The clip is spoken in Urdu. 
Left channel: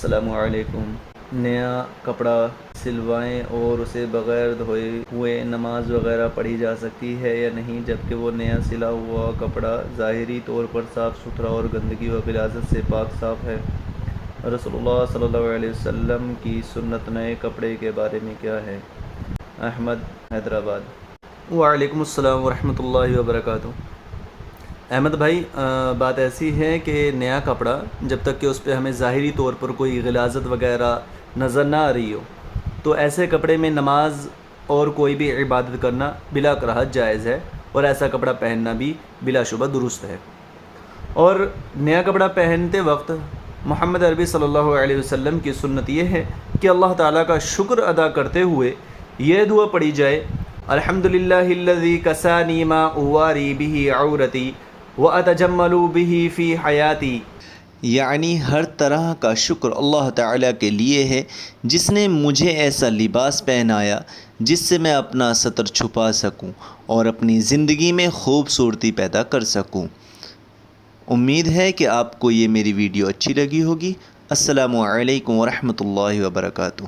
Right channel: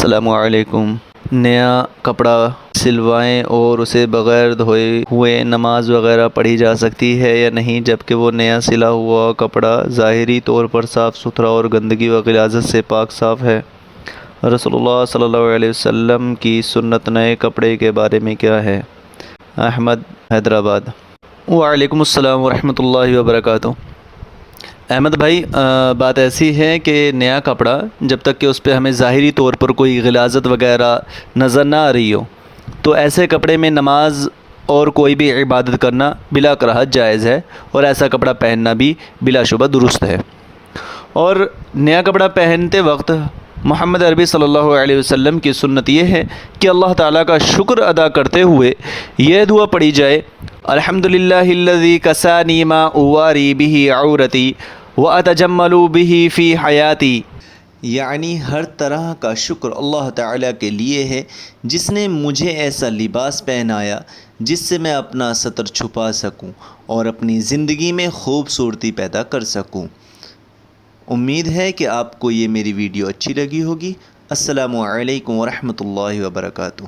السلام علیکم۔ نیا کپڑا سلوائیں اور اسے بغیر دھوئے ہوئے نماز وغیرہ پڑھی جا سکتی ہے یا نہیں، جبکہ وہ نیا سلا ہوا کپڑا ظاہری طور پر صاف ستھرا اور گندگی و غلاظت سے پاک صاف ہے؟ رسول اللہ صلی اللہ علیہ وسلم کی سنت نئے کپڑے کے بارے میں کیا ہے؟ احمد، حیدرآباد۔ وعلیکم السلام ورحمۃ اللہ وبرکاتہ۔ احمد بھائی، بات ایسی ہے کہ نیا کپڑا جب تک کہ اس پہ ہمیں ظاہری طور پر کوئی غلاظت وغیرہ نظر نہ آ رہی ہو، تو ایسے کپڑے میں نماز اور کوئی بھی عبادت کرنا بلا کراہت جائز ہے، اور ایسا کپڑا پہننا بھی بلا شبہ درست ہے۔ اور نیا کپڑا پہنتے وقت محمد عربی صلی اللہ علیہ وسلم کی سنت یہ ہے کہ اللہ تعالیٰ کا شکر ادا کرتے ہوئے یہ دعا پڑھی جائے: الحمدللہ الذی کسانی ما اواری بہ عورتی واتجمل بہ فی حیاتی، یعنی ہر طرح کا شکر اللہ تعالیٰ کے لیے ہے جس نے مجھے ایسا لباس پہنایا جس سے میں اپنا ستر چھپا سکوں اور اپنی زندگی میں خوبصورتی پیدا کر سکوں۔ امید ہے کہ آپ کو یہ میری ویڈیو اچھی لگی ہوگی۔ السلام علیکم ورحمۃ اللہ وبرکاتہ۔